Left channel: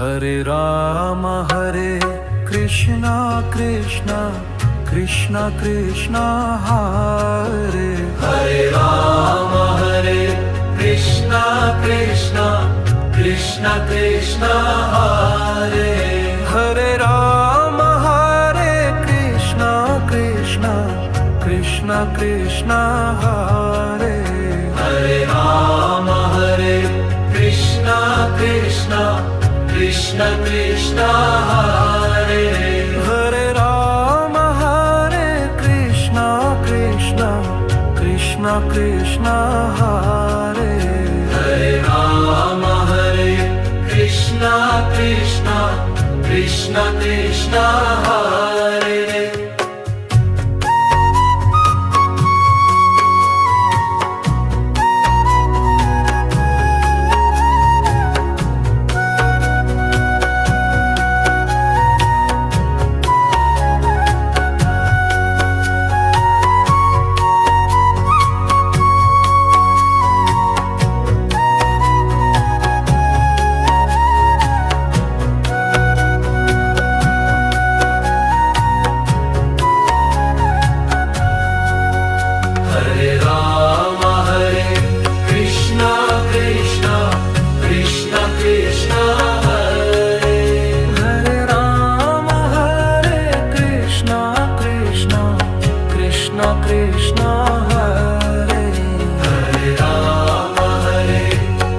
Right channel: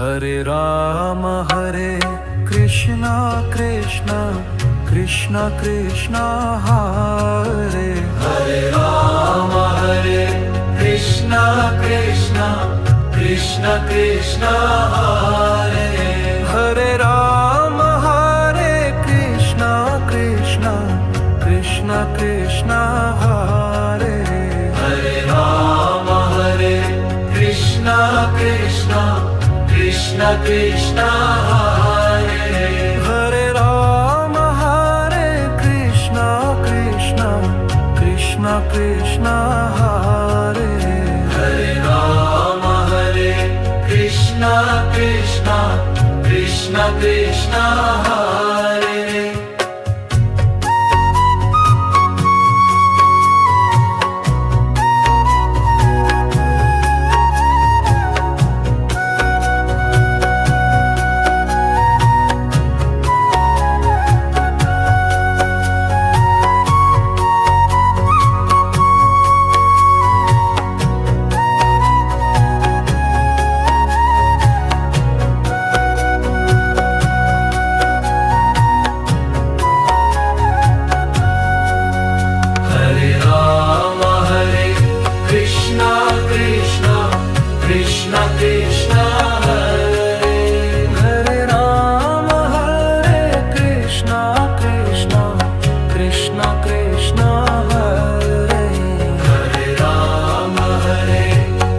Hare Rama Hare Krishna Krishna Krishna Krishna Hare Hare Rama Hare Krishna Krishna Krishna Krishna Hare Hare Rama Hare Krishna Krishna Krishna Krishna Hare Hare Rama Hare Krishna Krishna Krishna Krishna Hare Hare Rama Hare Krishna Krishna Krishna Krishna Hare Hare Rama Hare Krishna Krishna Krishna Krishna Hare Hare Rama Hare Krishna Krishna Krishna Krishna Hare Hare Rama Hare Krishna Krishna Krishna Krishna Hare Hare Rama Hare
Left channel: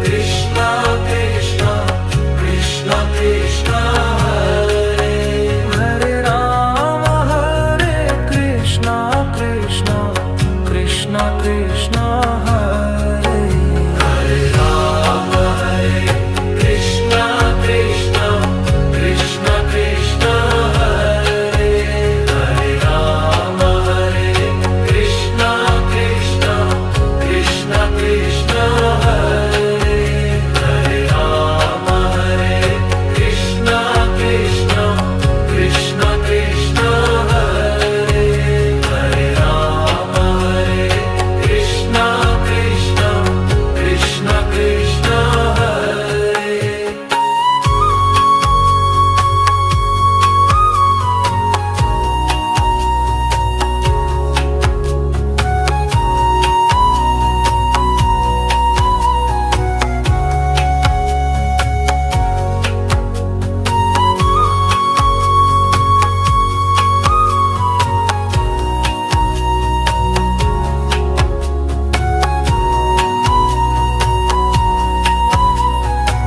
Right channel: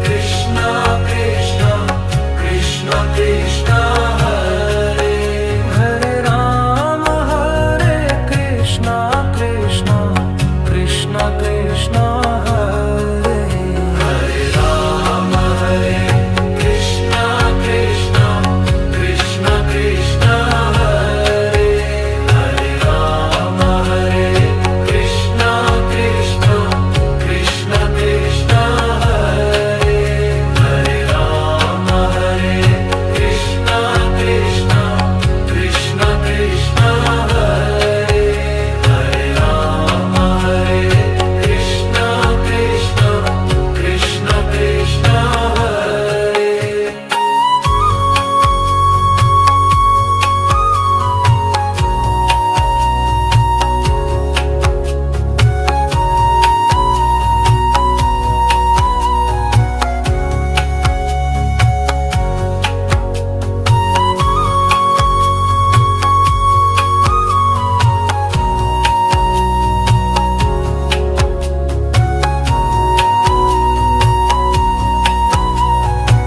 Krishna Krishna Krishna Krishna Hare Hare Rama Hare Krishna Krishna Krishna Krishna Hare